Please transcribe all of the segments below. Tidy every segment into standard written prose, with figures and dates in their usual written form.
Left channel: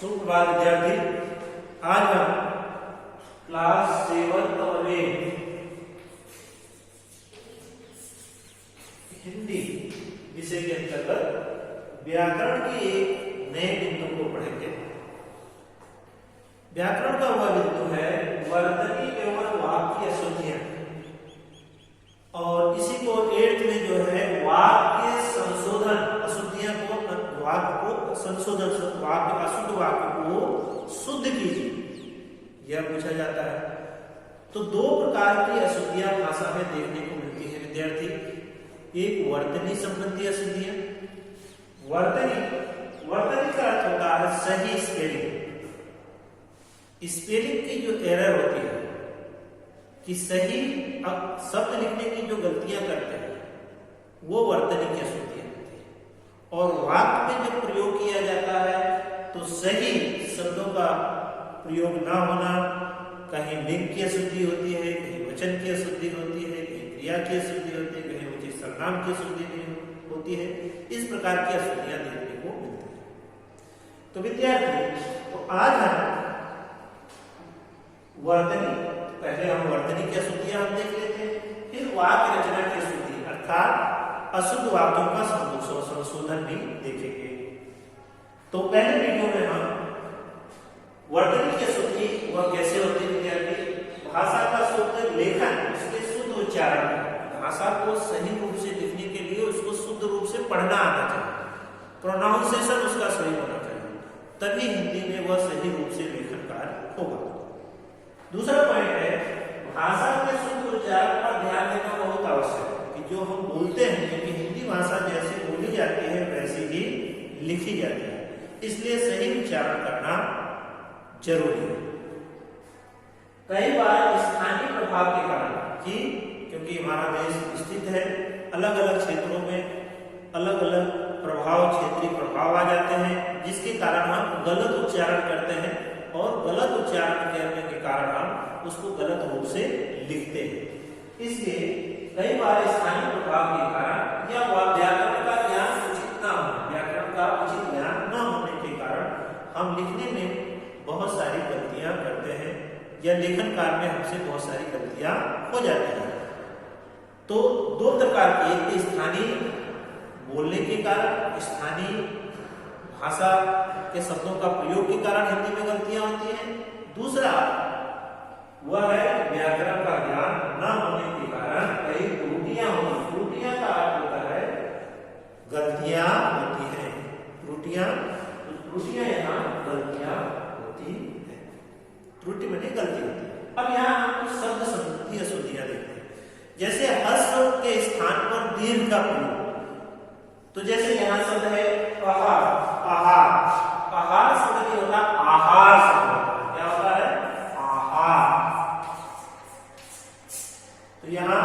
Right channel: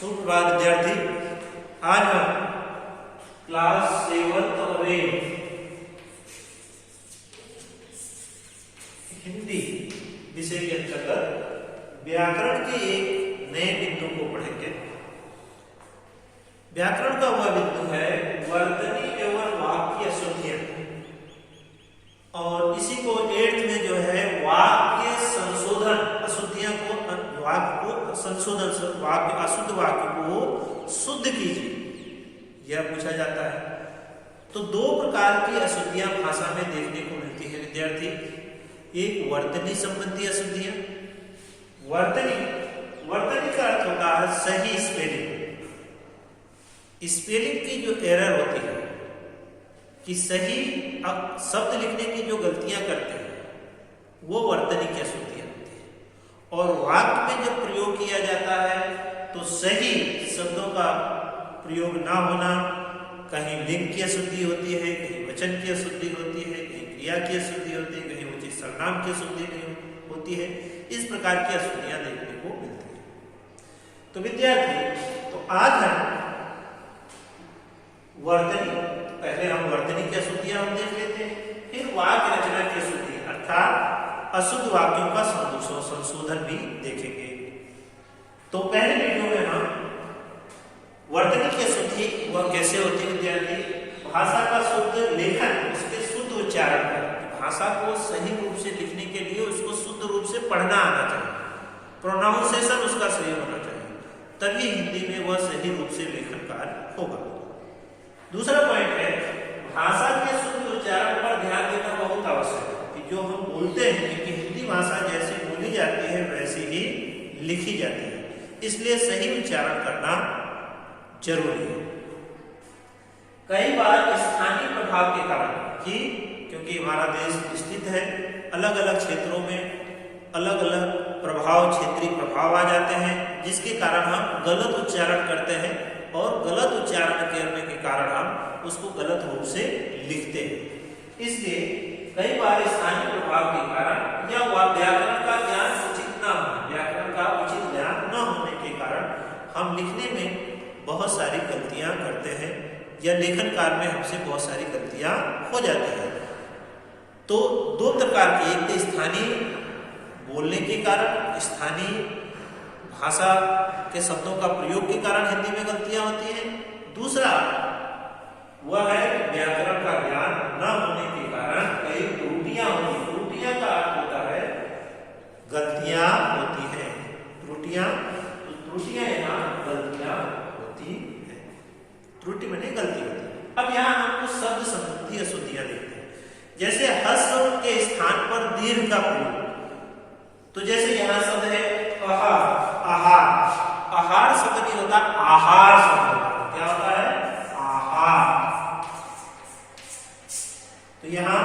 सुप्रभात विद्यार्थी, आज हम क्लास 7 और 8 हिंदी विषय के अंतर्गत व्याकरण के एक नए बिंदु को पढ़ेंगे। व्याकरण का वह बिंदु है वर्तनी एवं वाक्य अशुद्धियां, और इसी को 8th में जो है वाक्य संशोधन अशुद्धियां को वाक्य को संशोधन वाक्य अशुद्ध वाक्य को शुद्ध कीजिए, यह पूछा जाता है। तो दो प्रकार की अशुद्धियां भाषा में देखने को मिलती है विद्यार्थी। एक वर्तनी संबंधी अशुद्धियां। वर्तनी का अर्थ होता है सही स्पेलिंग। स्पेलिंग की जो एरर होती है कि सही शब्द लिखने की जो गलतियां करते हैं वो वर्तनी की अशुद्धियां होती है। और वाक्य में जब प्रयोग किया जाता है तो सही शब्दों का प्रयोग ना होना, कहीं लिंग की अशुद्धि होती है, कहीं वचन की अशुद्धि होती है, कहीं क्रिया की अशुद्धि होती है, कहीं उचित सर्वनाम की अशुद्धि नहीं होती है। इस प्रकार की अशुद्धियां देखने को मिलती है। तो विद्यार्थी, तो आज हम पहले हम वर्तनी की अशुद्धियां हम देख लेते हैं, फिर वाक्य रचना की अशुद्धि अर्थात अशुद्ध वाक्यों का संशोधन भी देखेंगे। तो पहले वीडियो में हम वर्तनी की अशुद्धि वह कैसे होती है विद्यार्थी, भाषा का शुद्ध लेखन, उसके शुद्ध उच्चारण का, भाषा को सही रूप से लिखने के लिए उसको शुद्ध रूप से पढ़ना आना चाहिए, प्रोनाउंसिएशन उसका सही होना चाहिए, तभी हिंदी में वह सही रूप से लेखन कार्य होगा। दूसरा पॉइंट है भाषा के शुद्ध उच्चारण पर ध्यान देना बहुत आवश्यक है कि जो हम बोलते हैं कि हिंदी भाषा जैसे बोली जाती है वैसे ही लिखी जाती है, इसलिए सही उच्चारण करना जरूरी है। कई बार स्थानीय प्रभाव के कारण कि क्योंकि हमारा देश स्थित है, अलग अलग क्षेत्रों में अलग अलग प्रभाव, क्षेत्रीय प्रभाव आ जाते हैं, जिसके कारण हम गलत उच्चारण करते हैं और गलत उच्चारण करने के कारण हम उसको गलत रूप से लिखते हैं। इसलिए कई बार स्थानीय प्रभाव के कारण या व्याकरण का ज्ञान उचित न होने, व्याकरण का उचित ज्ञान न होने के कारण हम लिखने में बहुत सारी गलतियां करते हैं या लेखन कार्य में हमसे बहुत सारी गलतियां हो जाती हैं। तो दो प्रकार की, एक तो स्थानीय बोलने के कारण, स्थानीय भाषा के शब्दों का प्रयोग के कारण हिंदी में गलतियां होती हैं। दूसरा वह है व्याकरण का ज्ञान न होने के कारण कई त्रुटियां होती। त्रुटियां का अर्थ होता है गलतियां होती हैं, त्रुटियां, तो त्रुटियां यहाँ गलतियां होती है, त्रुटि माने गलती होती है। अब यहाँ हम कुछ शब्द संबंधी अशुद्धियां देखते हैं, जैसे ह्रस्व के स्थान पर दीर्घ का प्रयोग। तो जैसे यहाँ शब्द है आहार, आहार शब्द नहीं होता, आहार शब्द होता है। क्या होता है? आहार। तो यहाँ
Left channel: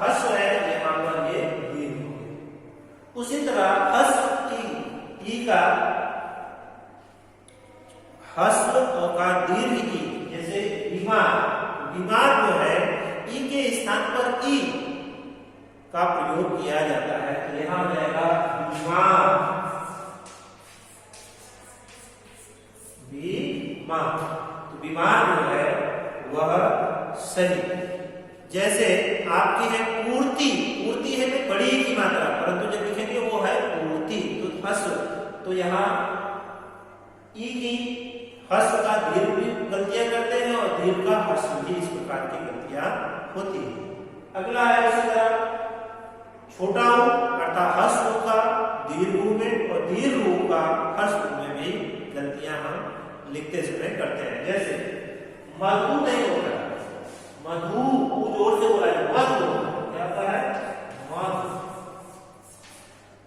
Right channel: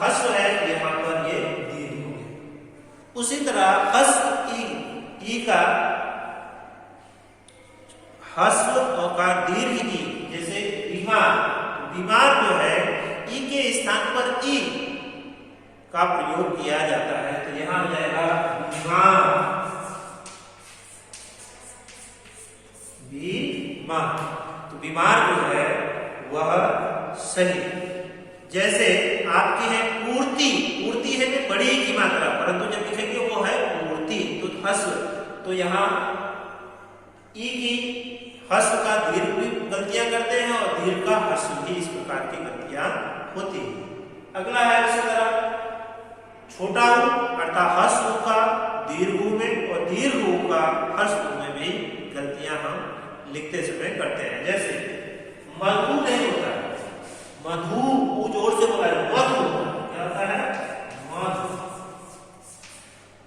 ह्रस्व है, यहाँ पर ये दीर्घ हो गया। उसी तरह ह्रस्व ई का ह्रस्व का दीर्घ ई, जैसे बीमार, बीमार जो है ई के स्थान पर ई का प्रयोग किया जाता है, तो यहां हो जाएगा बीमार, बीमार। तो बीमार जो है वह सही। जैसे आपकी है पूर्ति, पूर्ति है में बड़ी की मात्रा, परंतु जब लिखेंगे वो है पूर्ति, तो ह्रस्व, तो यहाँ ई की ह्रस्व का दीर्घ भी गलतियां करते हैं और दीर्घ का ह्रस्व भी, इस प्रकार की गलतियां होती है। अगला है उसी तरह छोटा ऊ अर्थात ह्रस्व ऊ का दीर्घ ऊ में और दीर्घ ऊ का ह्रस्व ऊ में भी गलतियां हम लिखते समय करते हैं। जैसे मधु नहीं होता है, मधु, ऊ जोर से बोला है, मधु, क्या होता है? मधु।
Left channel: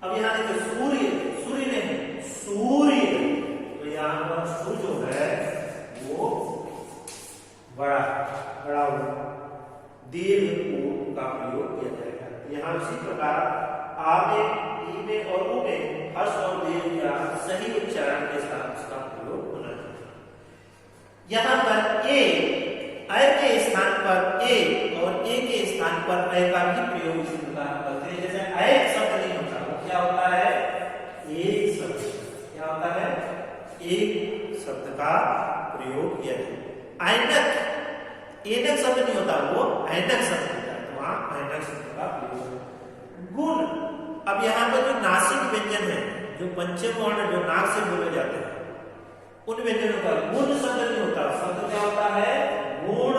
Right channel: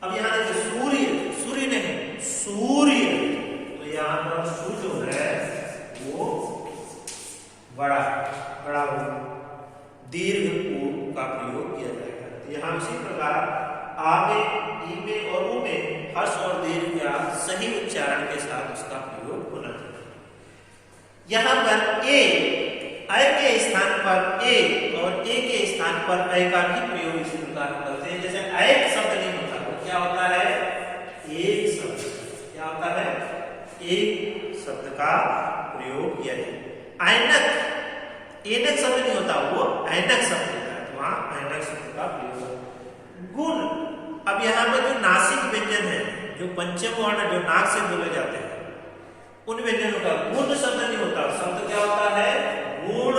अब यहाँ देखिए सूर्य, सूर्य नहीं, सूर्य, तो यहाँ पर सू जो है वो बड़ा हो, दीर्घ ऊ का प्रयोग किया जाएगा। यहाँ इसी प्रकार आ में, ई में और ऊ में हर्ष और दीर्घ का सही उच्चारण के साथ उसका प्रयोग होना चाहिए। यहाँ पर अय के स्थान पर ए और ए के स्थान पर अय का भी प्रयोग इसी प्रकार करते हैं। जैसे अय शब्द नहीं होता, वो क्या होता है? एक शब्द। क्या होता है? एक शब्द का प्रयोग किया जाए। ऐनक, ऐनक शब्द नहीं होता, वो ऐनक शब्द होता है, तो वहां ऐनक शब्द का प्रयोग है। गुण, अब यहाँ पर जो नासिक व्यंजन है, जो पंचम वर्ण जो नाक से बोले जाते हैं, उन व्यंजनों का गुण शब्द नहीं होता। शब्द क्या होता है? गुण।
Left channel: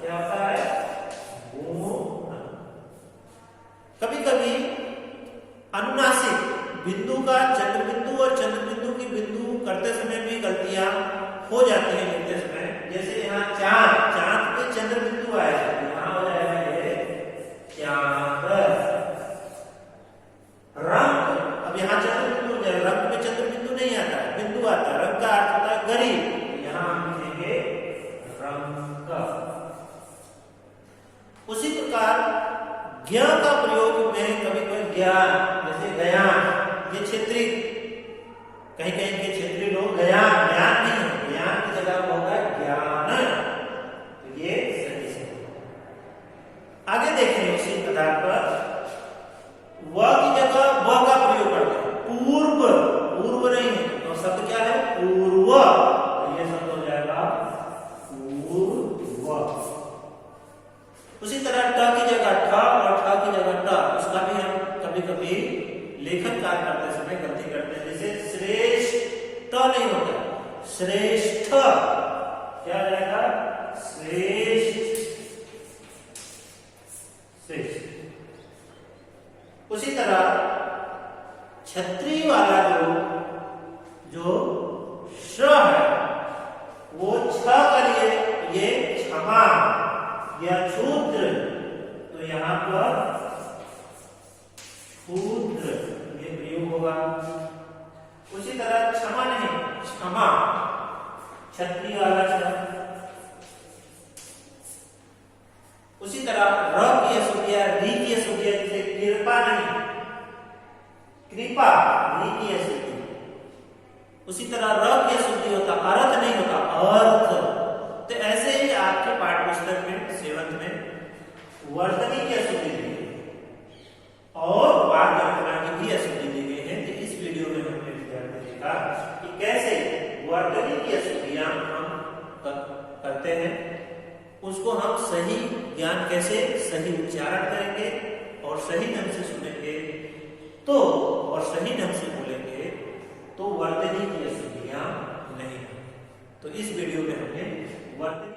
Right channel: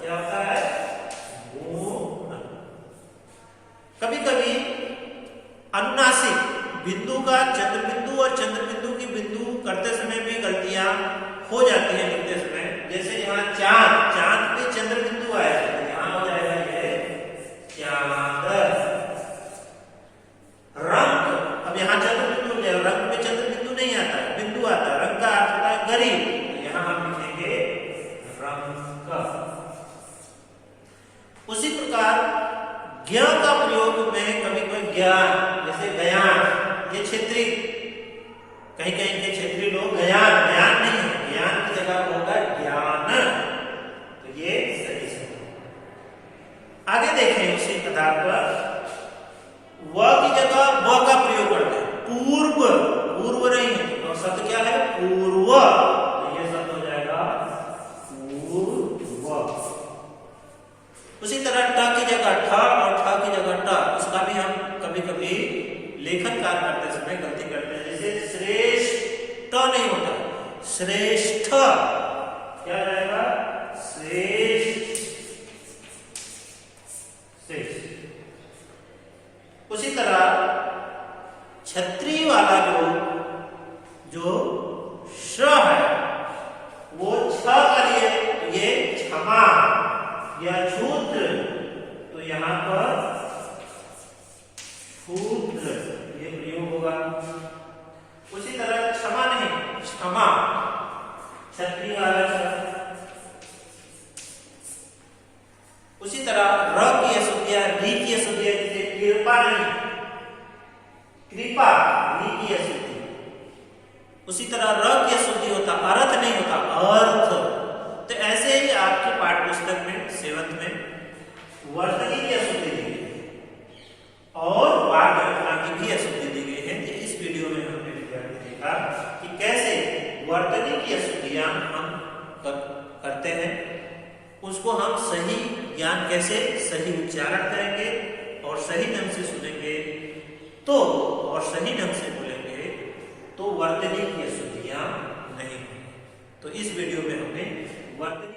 क्या होता है? गुण। कभी कभी अनुनासिक बिंदु का चंद्र बिंदु और चंद्र बिंदु की बिंदु करते समय भी गलतियां हो जाती है लिखते समय। जैसे यहाँ चांद, चांद पे चंद्र बिंदु आया, यहाँ हो जाएगा ये चांद। रंग, अब यहाँ चंद्र बिंदु, रंग पे चंद्र बिंदु नहीं आता है, बिंदु आता है। रंग का अर्थ होता है गरीब, तो यहाँ हम लिखेंगे रंग। उसी प्रकार ज्ञ का प्रयोग में कभी कोई ज्ञान, जैसे ज्ञान, ये क्षेत्रीय, कहीं कहीं के क्षेत्रीय लोग ज्ञान, ज्ञान नहीं है, ज्ञान की जगह होगा ज्ञान, तो ये सही है। आगे देखें उसी आधार पर व की जगह व का प्रयोग करते हैं। पूर्व, पूर्व नहीं है, तो शब्द क्या है? पूर्व, तो ये शब्द हो जाएगा पूर्व। उसी तरह ट की जगह ठ और ठ की जगह ट, उसका भी हम कभी कभी लेखन कार्य करते समय गलती करते हैं। जैसे श्रेष्ठ नहीं होता, श्रेष्ठ, क्या हो जाएगा? श्रेष्ठ, श्रेष्ठ। उसी तरह छत्री वाला जो श है, वो छ का लिए, तो ये क्षमा या क्षुद्र, तो यहाँ पर क्षुद्र ये प्रयोग होगा। उसी तरह क्षमा नहीं, क्षमा, छत्री वाला छ। उसी तरह र की अशुद्धियां, री की अशुद्धियां, जैसे कृपा नहीं, कृपा, री की अशुद्धि। उसी तरह र की अशुद्धि होता, अर्थ नहीं होता, अर्थ। तो ऐसे ही आपके पाठ्य पुस्तक में 7th में वर्तनी की अशुद्धि दी गई और वाक्य रचना की भी अशुद्धि दी गई है। तो इस वीडियो में हमने विद्यार्थी देखा कि कैसे वर्तनी की अशुद्धियां हम करते हैं, उसको हम सही ज्ञान कैसे सही उच्चारण करेंगे और सही ढंग से सुनेंगे तो, और सही ढंग से बोलेंगे तो वर्तनी की अशुद्धियां नहीं होंगी। तो इस वीडियो में हमने वर्तनी